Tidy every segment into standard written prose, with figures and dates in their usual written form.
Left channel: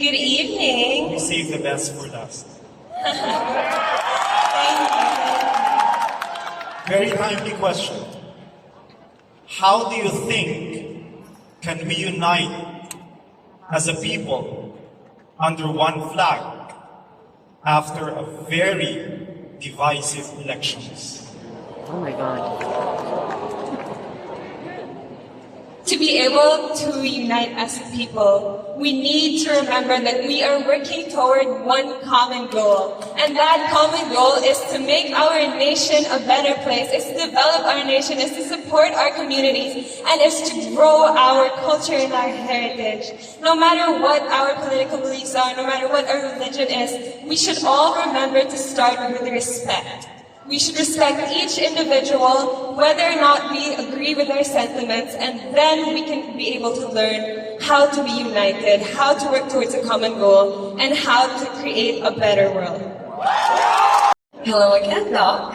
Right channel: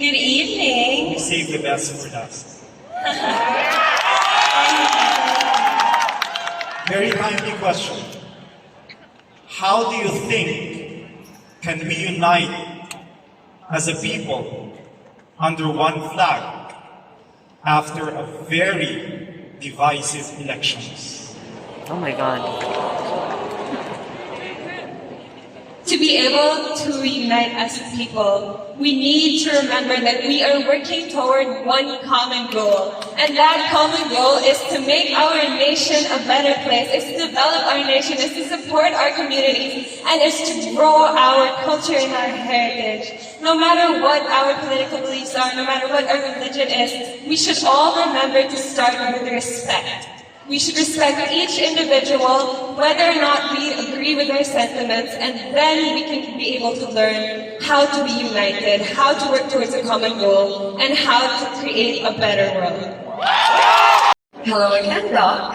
Good evening. We save the best for last. Very timely question. How do you think can we unite as a people under one flag after a very divisive elections? Oh my God. To be able to reunite as a people, we need to remember that we are working toward one common goal. And that common goal is to make our nation a better place, is to develop our nation, is to support our communities, and is to grow our culture and our heritage. No matter what our political beliefs are, no matter what our religion is, we should all remember to start with respect. We should respect each individual, whether or not we agree with their sentiments, and then we can be able to learn how to be united, how to work towards a common goal, and how to create a better world. Hello again, Doc.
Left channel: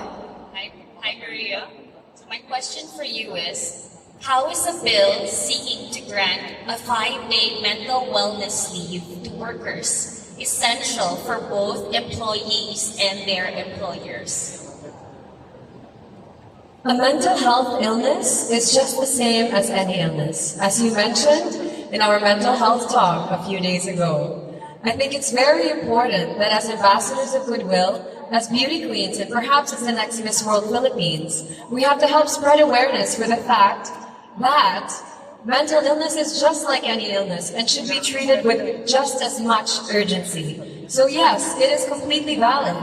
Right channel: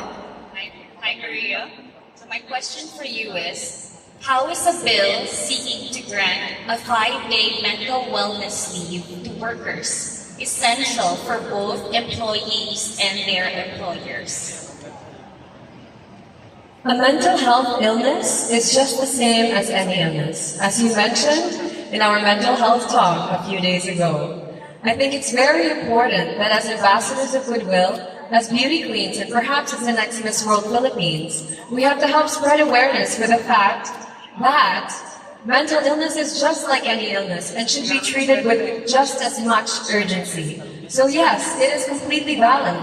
Hi, Maria. So my question for you is, how is a bill seeking to grant a 5-day mental wellness leave to workers essential for both employees and their employers? A mental health illness is just the same as any illness. As you mentioned in our mental health talk a few days ago, I think it's very important that as ambassadors of goodwill, as beauty queens, and perhaps as the next Miss World Philippines, we have to help spread awareness for the fact that mental illness is just like any illness and should be treated with just as much urgency. So yes, it is completely valid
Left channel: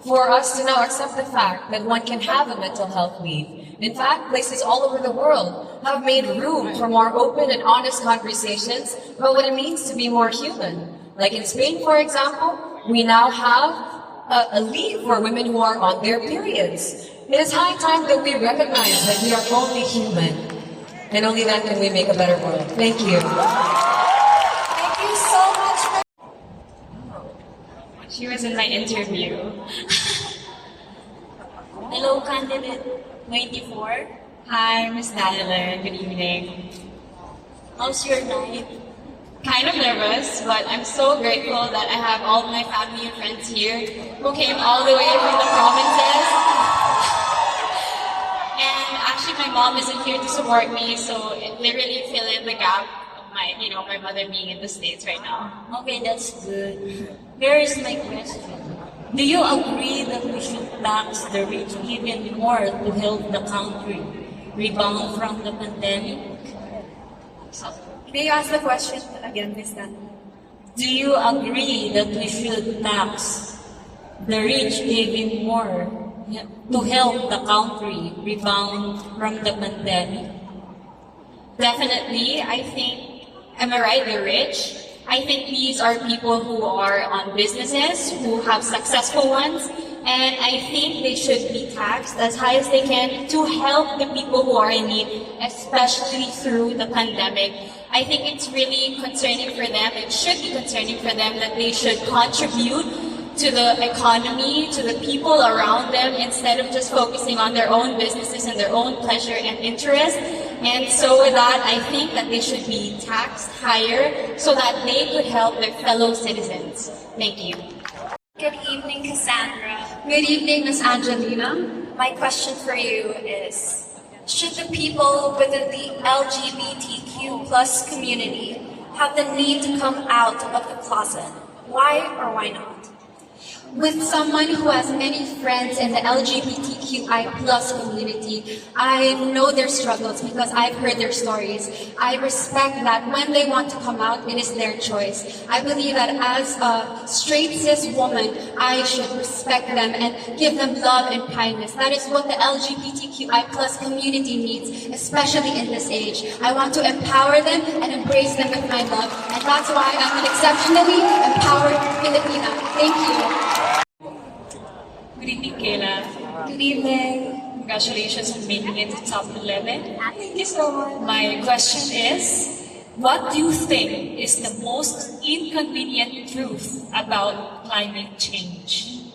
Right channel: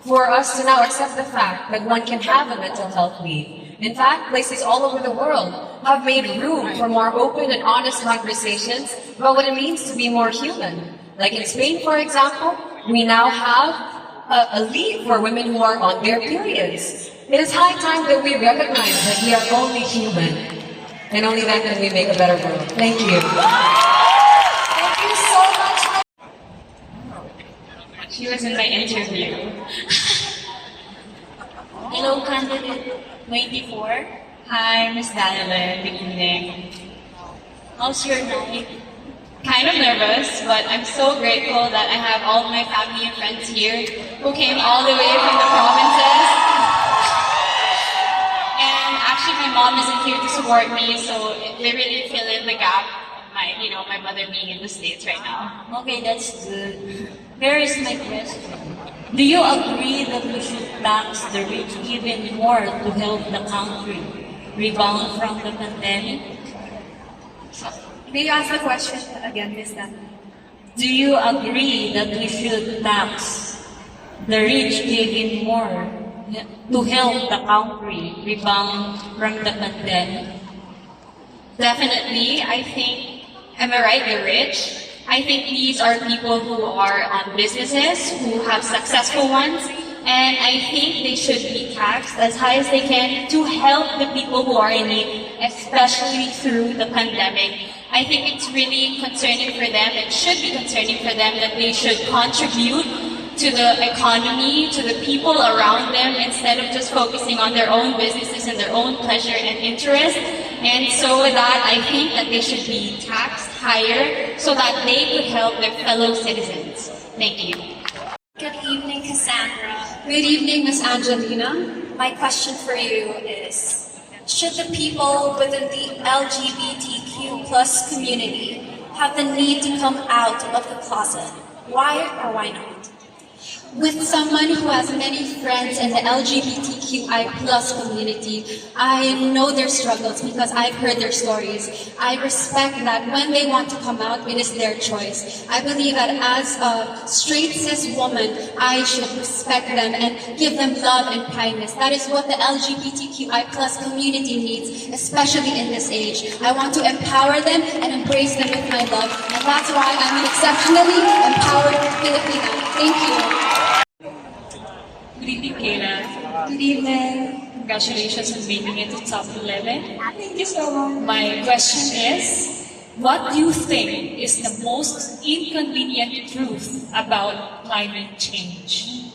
for us to now accept the fact that one can have a mental health leave. In fact, places all over the world have made room for more open and honest conversations about what it means to be more human. Like in Spain, for example, we now have a leave for women who are on their periods. It is high time that we recognize that we are only human, and only then can we make a better world. Thank you. Thank you so much. She was in my interview. Hello, candidate 24. Hi, Miss Madeline. Good evening. How's your night? Kind of nervous, but I'm so grateful that I have all of my family and friends here who came all the way from the provinces. And actually, my mom isn't here to support me, so they really fill in the gap of my mother being in the States right now. Okay, that's good. Here is my question. Do you agree that we should tax the rich even more to help the country rebound from the pandemic? May you ask the question again, Ms. Dan? Do you agree that we should tax the rich even more to help the country rebound from the pandemic? Definitely, I think, am I right, the rich? I think these are people who are on businesses, who have successful ones, and I think they should be taxed as high as they can to help the people who are in need, especially through the pandemic. I think it's really concerning for them, it should be concerning for them that they should contribute to the economy, to the people around them, instead of just focusing on their own businesses and their own pleasure and interest. And so with that, I think that they should be taxed higher so that they could help their fellow citizens. Thank you. Good evening, Cassandra. Good evening, Ms. Angelina. My question for you is, should the people within the LGBTQ plus community have the need to come out of the closet? Why or why not? With someone who has many friends in the LGBTQI plus community, I know their struggles because I've heard their stories. I respect that when they want to come out, it is their choice. I believe that as a straight cis woman, I should respect them and give them love and kindness. That is what the LGBTQI plus community needs, especially in this age. I want to empower them and embrace them with my love, and that's why I'm an exceptionally empowered Filipina. Thank you. Good evening, Kayla. Good evening. Congratulations on making it to top 11. Thank you so much. My question is, what do you think is the most inconvenient truth about climate change?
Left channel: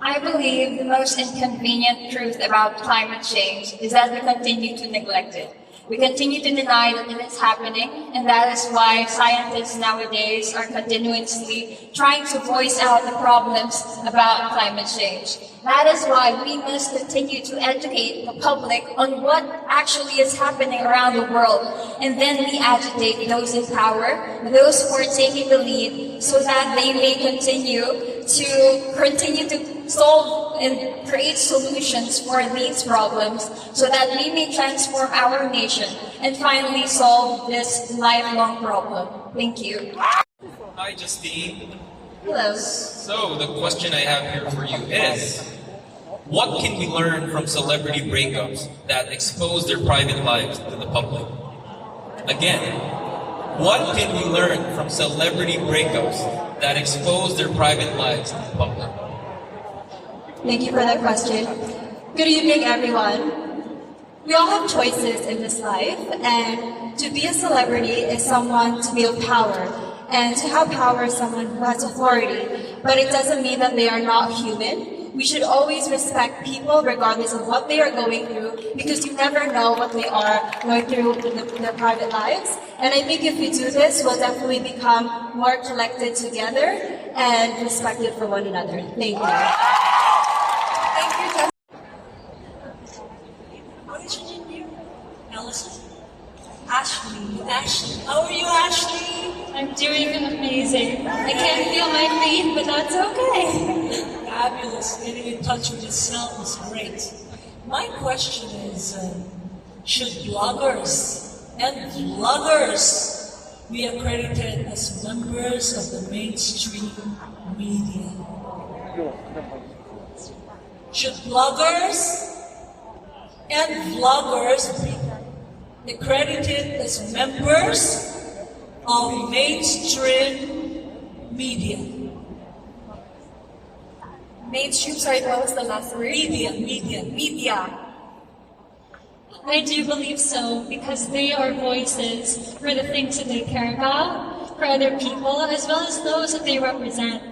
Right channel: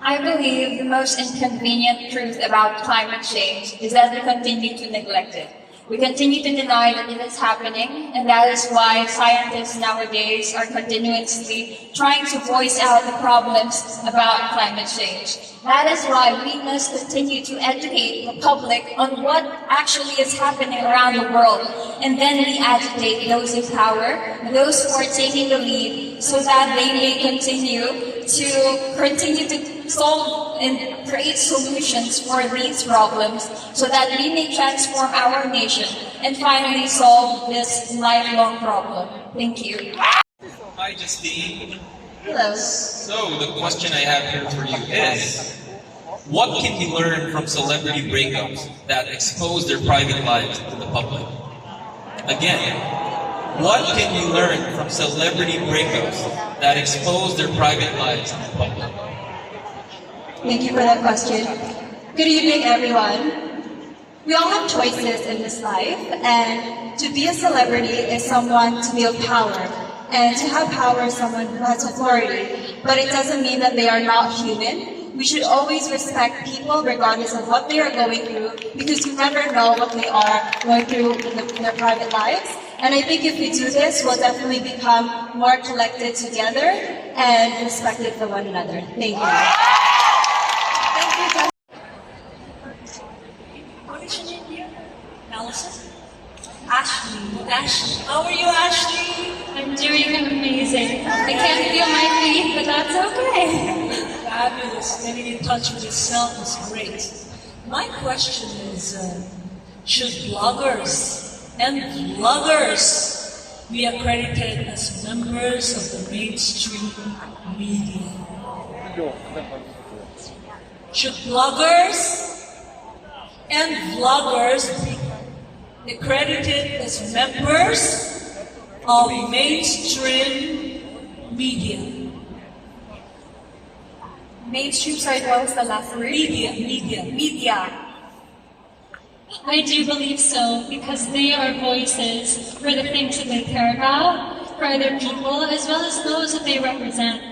I believe the most inconvenient truth about climate change is that we continue to neglect it. We continue to deny that it is happening, and that is why scientists nowadays are continuously trying to voice out the problems about climate change. That is why we must continue to educate the public on what actually is happening around the world, and then we agitate those in power, those who are taking the lead, so that they may continue to solve and create solutions for these problems, so that we may transform our nation and finally solve this lifelong problem. Thank you. Hi, Justine. Hello. So, the question I have here for you is, what can we learn from celebrity breakups that expose their private lives to the public? Again, what can we learn from celebrity breakups that expose their private lives to the public? Thank you for that question. Good evening, everyone. We all have choices in this life, and to be a celebrity is someone to wield power, and to have power is someone who has authority. But it doesn't mean that they are not human. We should always respect people regardless of what they are going through, because you never know what they are going through in their private lives. And I think if we do this, we'll definitely become more collected together and respected for one another. Thank you. What is your name, dear? Allison? Ashley. Ashley. How are you, Ashley? I'm doing amazing. I can't feel my feet, but that's okay. Fabulous. Getting in touch with yourself is great. My question is, should bloggers and vloggers be accredited as members of the mainstream media? Should bloggers and vloggers be accredited as members of mainstream media? Mainstream, sorry, what was the last word? Media. I do believe so, because they are voices for the things that they care about, for other people, as well as those that they represent.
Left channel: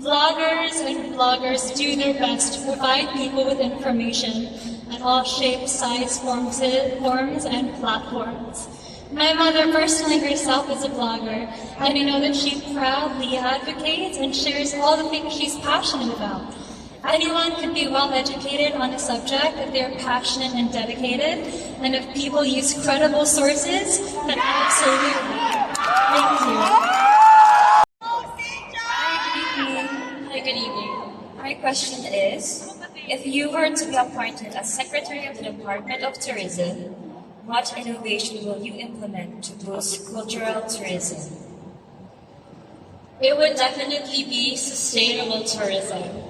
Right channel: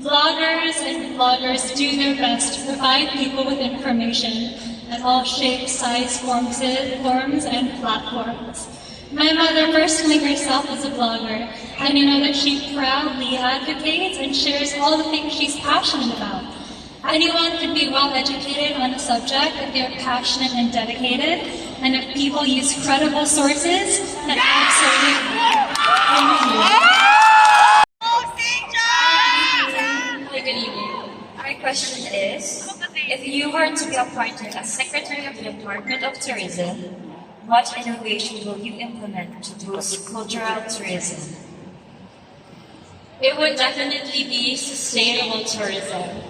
Vloggers and vloggers do their best to provide people with information at all shapes, sizes, forms, and platforms. My mother personally herself is a blogger, and I know that she proudly advocates and shares all the things she's passionate about. Anyone can be well educated on a subject if they're passionate and dedicated, and if people use credible sources, then absolutely. Thank you. Good evening. My question is, if you were to be appointed as Secretary of the Department of Tourism, what innovation will you implement to boost cultural tourism? It would definitely be sustainable tourism.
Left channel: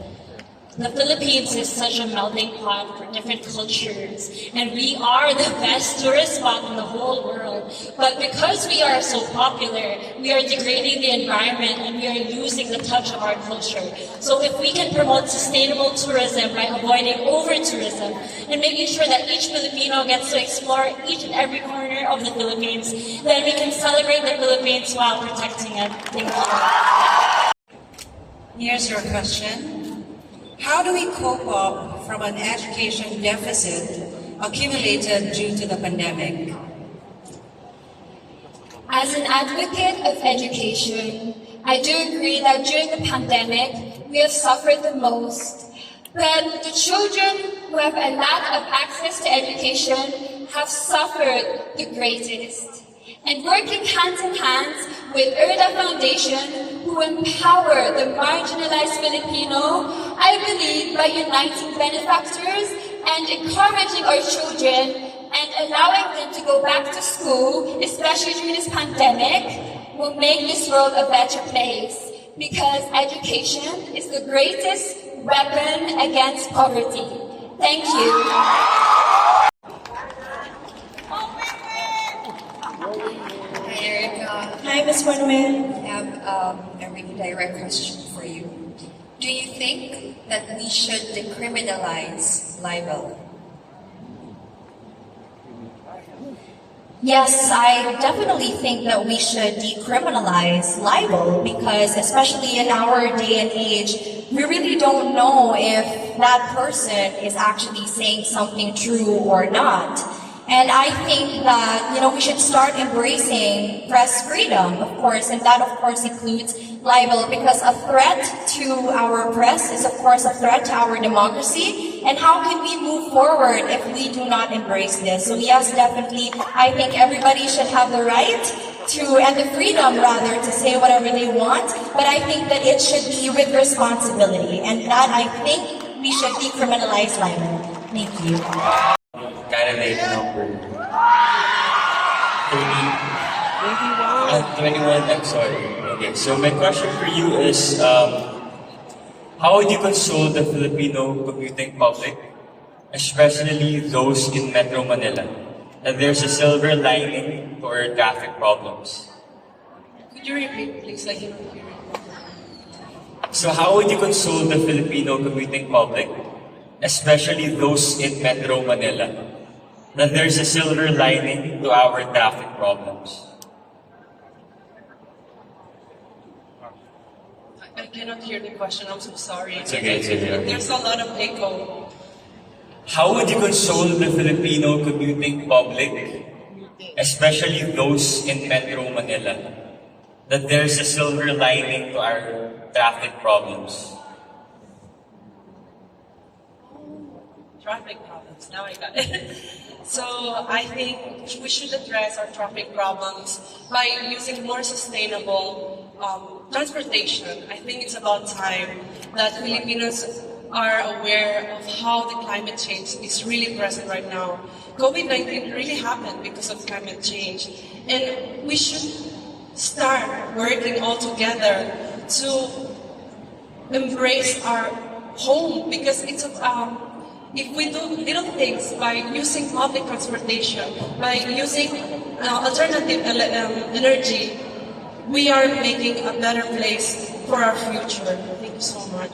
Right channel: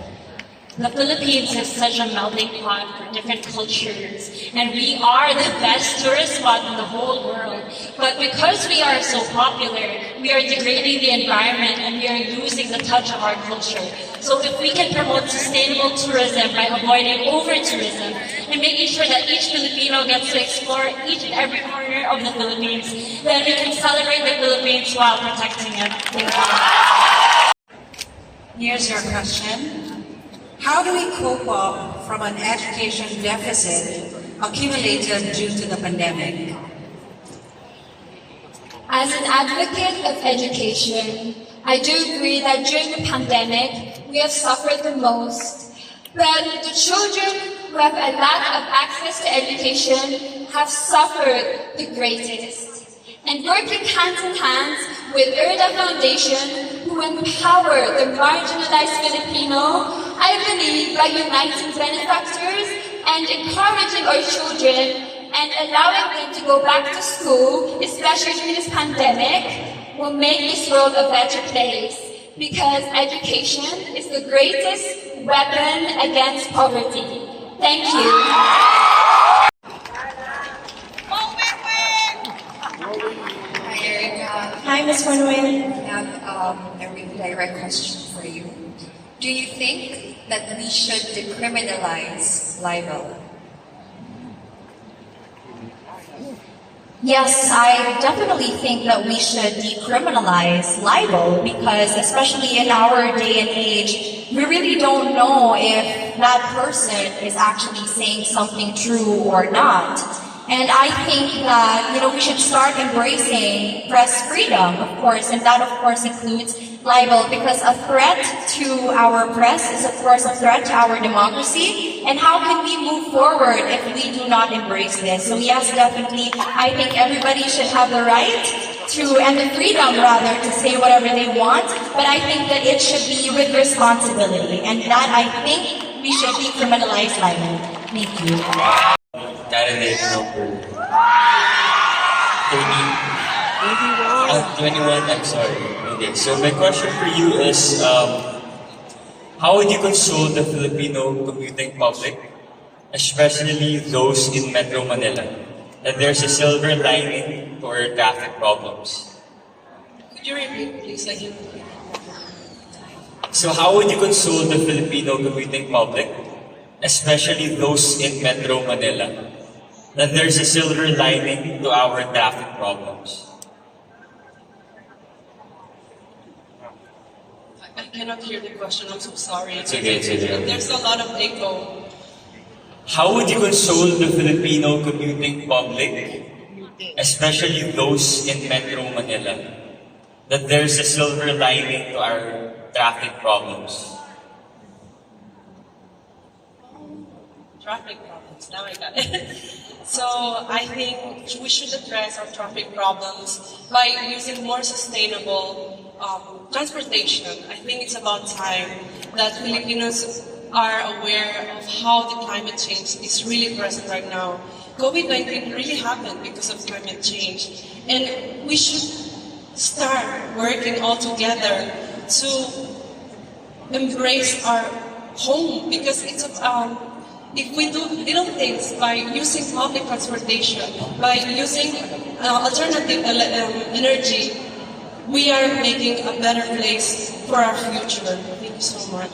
The Philippines is such a melting pot for different cultures, and we are the best tourist spot in the whole world. But because we are so popular, we are degrading the environment and we are losing the touch of our culture. So if we can promote sustainable tourism by avoiding over-tourism and making sure that each Filipino gets to explore each and every corner of the Philippines, then we can celebrate the Philippines while protecting it. Thank you. Here's your question. How do we cope up from an education deficit accumulated due to the pandemic? As an advocate of education, I do agree that during the pandemic, we have suffered the most. But the children who have a lack of access to education have suffered the greatest. And working hand in hand with ERDA Foundation, who empower the marginalized Filipino, I believe by uniting benefactors and encouraging our children and allowing them to go back to school, especially during this pandemic, will make this world a better place. Because education is the greatest weapon against poverty. Thank you. Hi, Erica. Hi, Ms. Manuel. I have a really direct question for you. Do you think that we should decriminalize libel? Yes, I definitely think that we should decriminalize libel, because especially in our day and age, we really don't know if that person is actually saying something true or not. And I think that, we should start embracing press freedom, of course, and that, of course, includes libel, because a threat to our press is, of course, a threat to our democracy. And how can we move forward if we do not embrace this? So yes, definitely, I think everybody should have the right and the freedom, rather, to say whatever they want, but I think that it should be with responsibility, and that I think we should decriminalize libel. Thank you. Candidate number 21, I'm sorry. Okay, so my question for you is, how would you console the Filipino commuting public, especially those in Metro Manila, that there's a silver lining to our traffic problems? Could you repeat, please? So how would you console the Filipino commuting public, especially those in Metro Manila, that there's a silver lining to our traffic problems? I cannot hear the question. I'm so sorry. It's okay, it's okay. There's a lot of echo. How would you console the Filipino commuting public, especially those in Metro Manila, that there's a silver lining to our traffic problems? Traffic problems. Now I got it. So I think we should address our traffic problems by using more sustainable transportation. I think it's about time that Filipinos are aware of how the climate change is really present right now. COVID-19 really happened because of climate change, and we should start working all together to embrace our home, because it's if we do little things by using public transportation, by using alternative energy, we are making a better place for our future. Thank you so much.